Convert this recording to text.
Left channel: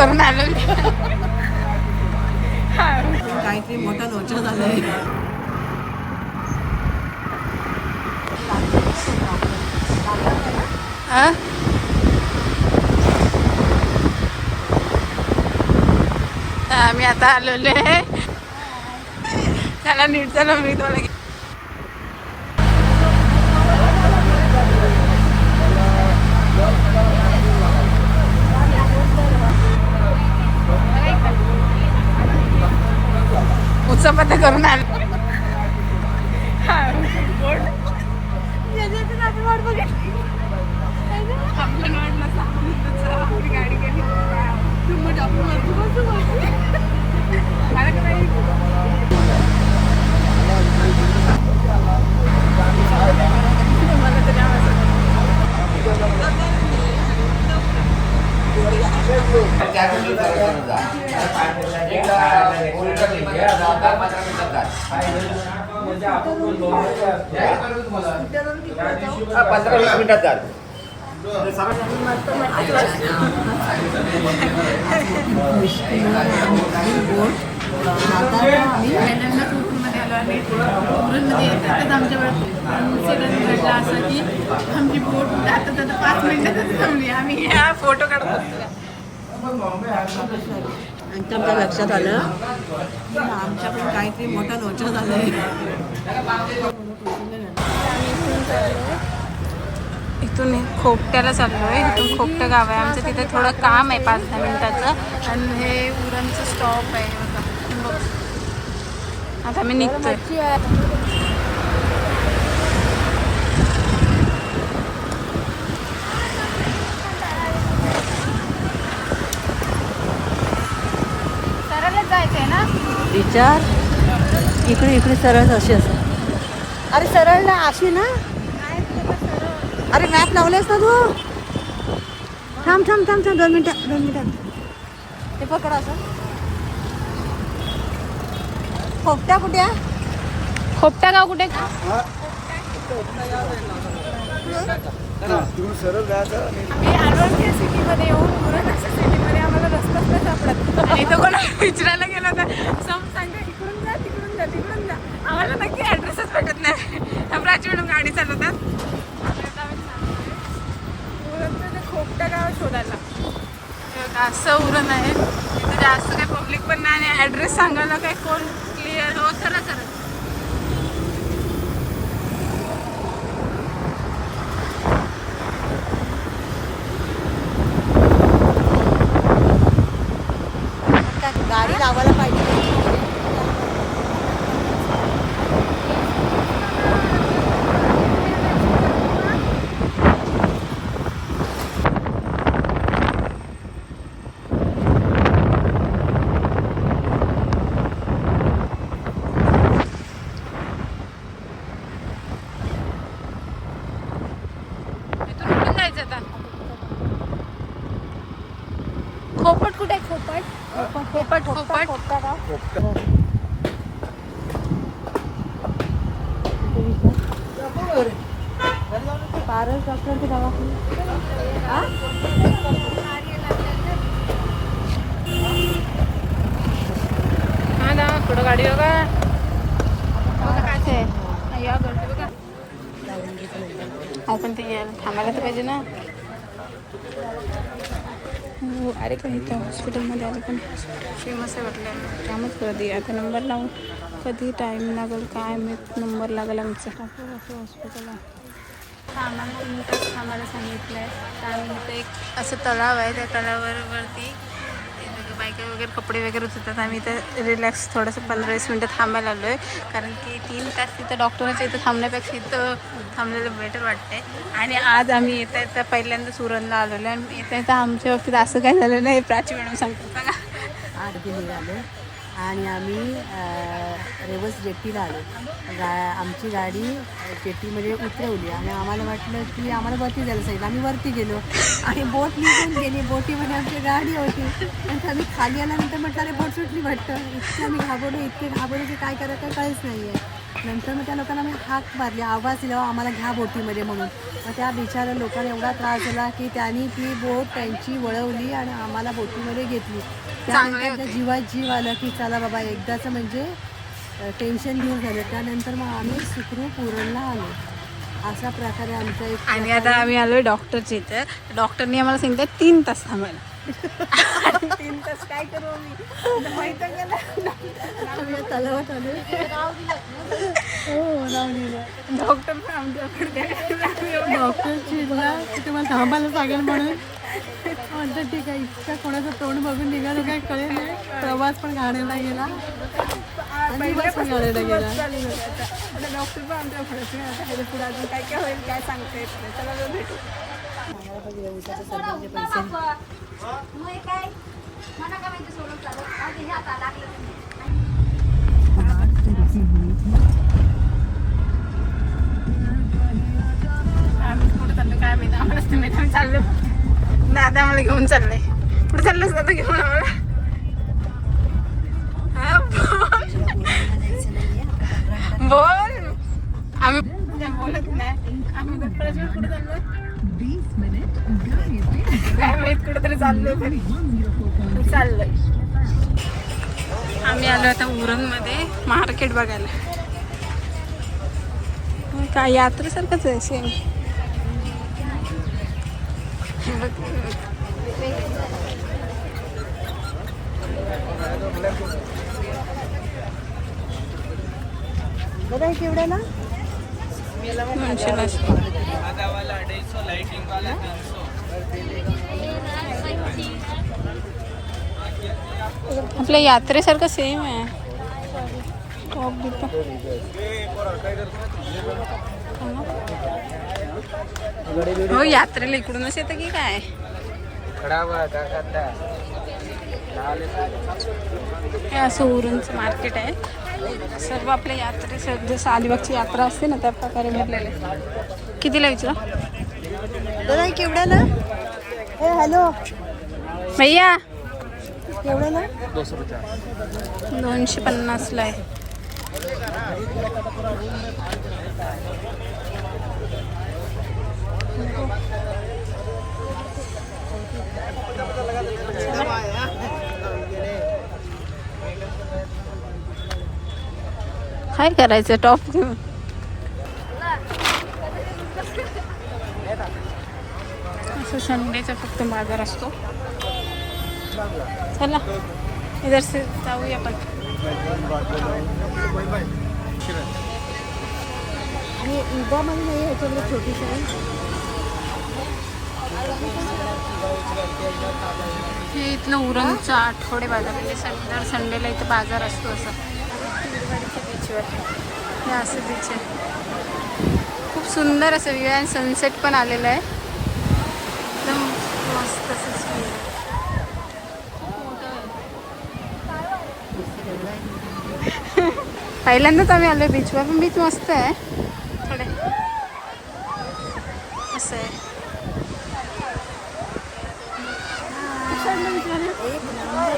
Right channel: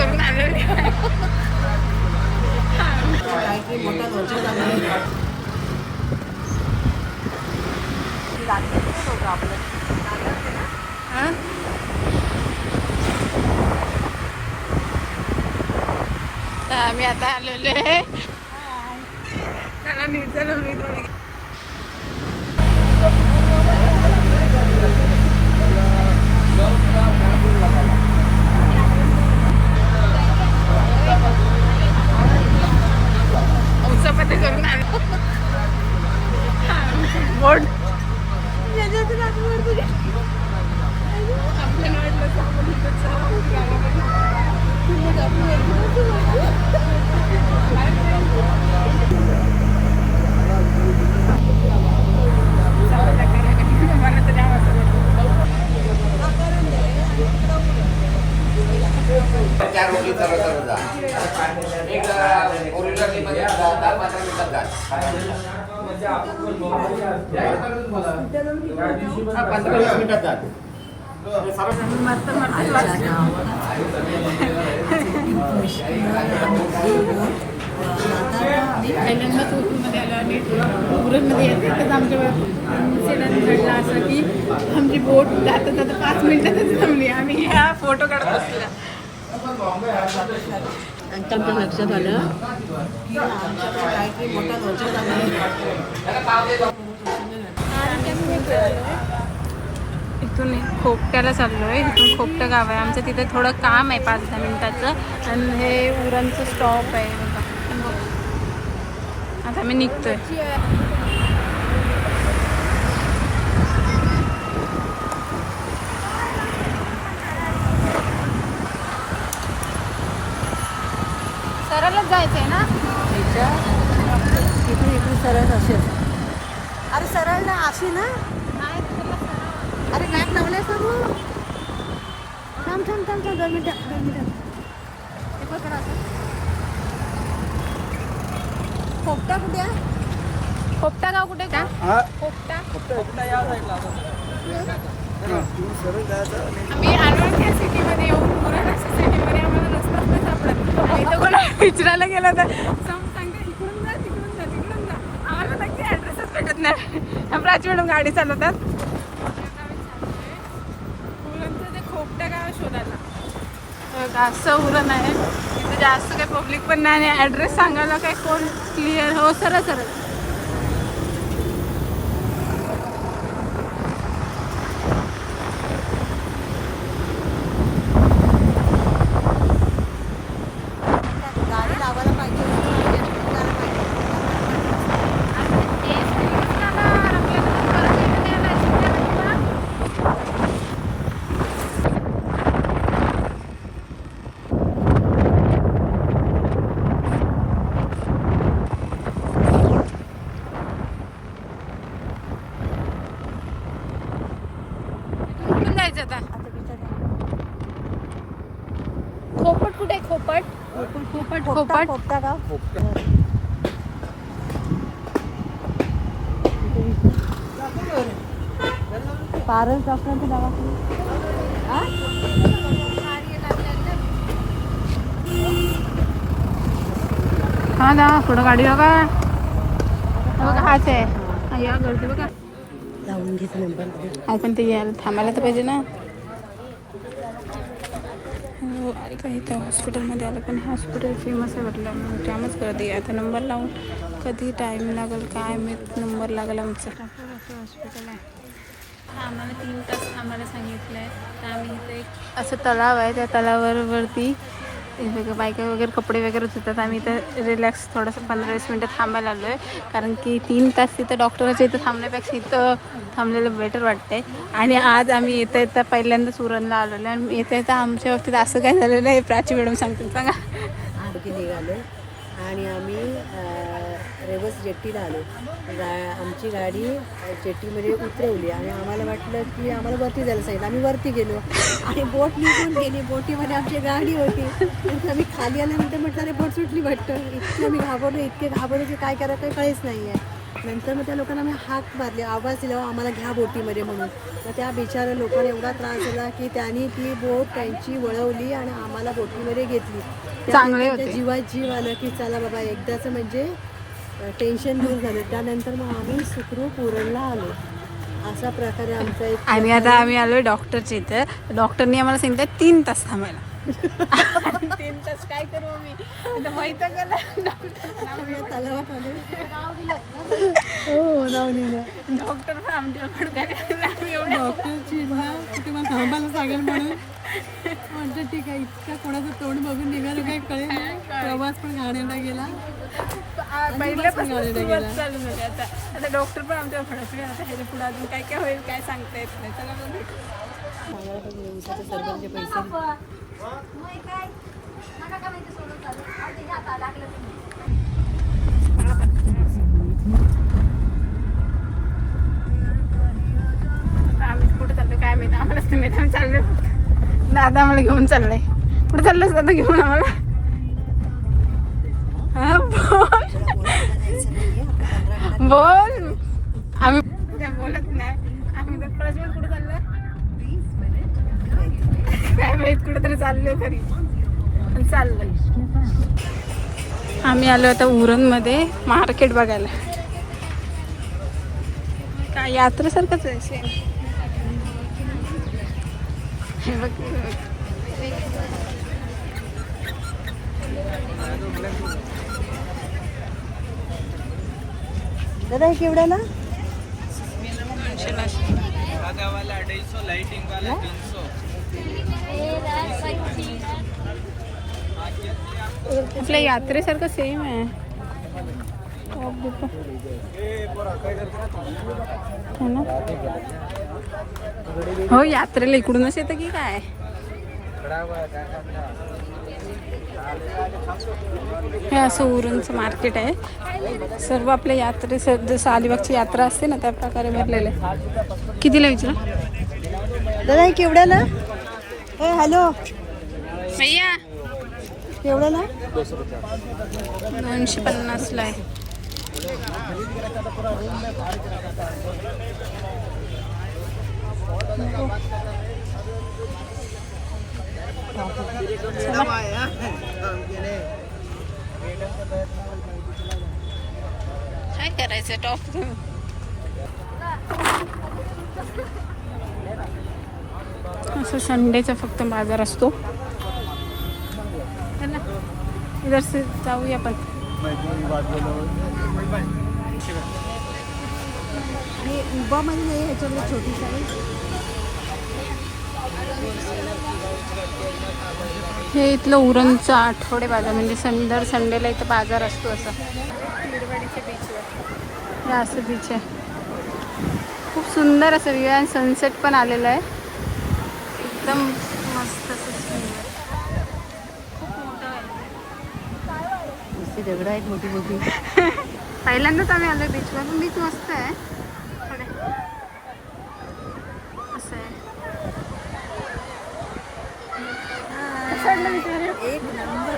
करून आलो. काहीतरी मोठा दोषा झाला आम्ही आता आलेलो आहे. त्याला नीट चला मी तुम्हाला उत्सपात करून आलो. बोट गाडी गेली. मला तर जाम असं पहिल्यांदा कोकणमध्ये आलो आणि उरणमध्ये येते तर आमच्या वेळात इन्सिडंट घडला असा की आमची बोट जाता जाता 5 मिनिटातच थांबली. आम्ही ह्या फोटो काढत बसल्या. आणि आमच्या लक्षात आलं आमच्याकडे काहीतरी मोठा दोषा झाला. आम्ही इथून चाललोय, इथून खोपट्याला चाललोय. इथून खोपटं गाव आहे आमचं. तिथे थोडं काम आहे 5-10 मिनिटाचं आणि हे उरणचं स्टॉप आहे बघा. बघ आता आम्ही निघतोय. सरळच जायचंय ना विचार इकडे सरळ अशी असं. अरे सरळ ना अशी ना. अरे मॅप लावलंयस ना तू. थांब 2 मिनिटं. ते पकड असं. खोपटा कुठे? खोपटा गाव कुठे का? खोपटा आम्ही अनोळखी सिटीमध्ये येऊन उरण अशा सिटीमध्ये आम्हाला रस्ताच नाही सापडत. इथं कोणा विचारायला गेलं तर सम सांगता इकडून जा तिकडून जा तिकडून जा. आम्हाला नक्की ॲड्रेसच भेटत नाही. प्राची मॅडम गाडी चालवतात. उरणचं ते खोपटा गाव शोधायला असं उरण आहे. तर जास्त काही पब्लिक पण नाही आणि ॲड्रेस सांगायला काही कोण क्लिअर. हो सरळ सरळ गाडी लावायला पाहिजे. खोपट कुठे आहे? खोपट खोपट पारल डॉक्टरांच्या दवाखान्यात हा ना. थोडं गाडी बघा बघा. हाच आहे. हा या गर्दी बघा. आपण ते थांबायला तर पाहिजे ना. अरे काही हॉस्पिटलमध्ये आलं पण हॉस्पिटल फेमस आहे म्हटल्यामुळे जामच गर्दी आहे. नंबर लावून कधी टाईम लागेल काय नंबर लागेल आमचा. असं हॉस्पिटल आहे. तर आम्हाला 3 तास थांबायला सांगितलं आहे. तर आम्ही इथे एक असं तलाव आहे. त्या तलावावरती बघा बायका वगैरे कपडे वगैरे धुतात. आम्ही इथं रिलॅक्स थोडंसं 15-20 मिनटं थांबायला आलो आहे. कारण की 3 तास तिथं डॉक्टरच्या इथं थांबण्यापेक्षा इथं थांबलेलं बेटर वाटतं आहे. आणि आज आम्ही इथं तर पहिल्यांदाच उरणला आलेलो आहे. आणि इथे तर आमच्या बाबतीत असं काय झालेलं आहे प्राची मॅडम सांगतो बघा. 8 निघालो आणि आम्ही रेवस जेट्टीला आलो. आमची गाडी जेट्टीमध्ये उतरवली आणि आम्हाला वाटलं की आम्हाला वरती जायला सांगितलं. आम्ही वरती गेलो आणि बोट निघून गेली. बोटीमध्ये आमची गाडी होती. नंतर आम्ही खाली आल्यानंतर म्हटलं अरे बोट सुटली वाटतं. इतके आम्ही इतके घाबरलो की काय करायचं काहीच नाही आहे. नंतर मग त्या लोकांना मी हाक मारली, आवाज दिला आम्हाला घ्या बोटीमध्ये म्हणून. मग त्या बिचाऱ्या लोकांना एवढा त्रास झाला की त्यांनी ती बोट त्यांची वळवली आणि आम्हाला बोटीमध्ये घेतली. चांगले त्यानंतर त्या जीवात जीव आलं की चला बाबा एकदाचं म्हणजे टेन्शन दूर झालं. त्यानंतर मग आम्ही सुखरूप उरणला आलो. अशा प्रकारे आमचा एक आणि आता आम्ही आलो डॉक्टरच्या इथं. डॉक्टरने आम्हाला सांगितलं 3 तास थांबायला. 3 तास काय करू आम्ही माहित तलावात आले. डॉक्टर पण आमच्याकडे काय एवढं डॉक्टर चिडला की तुम्हाला थांबायला सांगेल म्हणून. म्हणतं ठीक आहे. इतका कोणाचं तोंड बघून निघालं काय कळेल नाही. प्रवास पण घाण्याला गेला. पहिल्यापासून सुरुवात चालू झाली. आता आता डॉक्टर पण आमच्या फळत नाही. आता ह्याच्या पुढे अजून काय काय होईल काय सांगता येत नाही. चला बरं भेटू. सांगायला पाहिजे उसाच्या सरकारचे पैसे. आम्ही कुठे चाललो काय माहिती आम्हालाच तुम्ही आम्ही चाललो. दादा आम्हाला घेऊन चाललंय. कुठे चाललोस दादा घेऊन आम्हाला? हा बोल. आम्ही बोलत नाही. आम्ही दत्तराजवर कुठे चाललो काय माहित. कुठेतरी चाललोय तरी चाललोय. आम्ही आलो आता उरणमध्ये मार्केट बघायला. काय यात्रेसारखंच आहे सेम. बघ दादा हे केवढ्याला? 900 ला. आपल्या यात्रेसारखं सेम आहे. टॉप बिप हो यात्रेला इकडूनच येतं की काय? हे असं उरणचं मार्केट आहे. सर्व आपल्या यात्रेसाठी सालवरची यात्रा असते ना त्या प्रकारे भेटलेलं आहे. कितीला विचार दादा हे केवढ्याला? ए हॅलो भैया केवढ्याला? 250 ला आहे. काय करायचं टॉप घेऊन? संडेचा फक्त बाजार असतो. चला इधर से जाऊया आपण. आणि उबामध्ये नाही ह्याच्यामध्ये छोटी साईज. हे इथलं उरणचं आठवडे बाजार म्हणजे दर संडेला इथं बाजार असतो असा. तिरवाडीच्या बीचवर हे असं बीच आहे. खूप सुंदर असं व्ह्यू आहे. सनसेट पण आलेला आहे. एकदम मस्त असं व्ह्यू आहे. खूप मोठं आहे. पहिल्यांदाच आम्ही आलो बीचवर. पण बीच मस्त आहे. थोडे असं आहे. एक नंबर.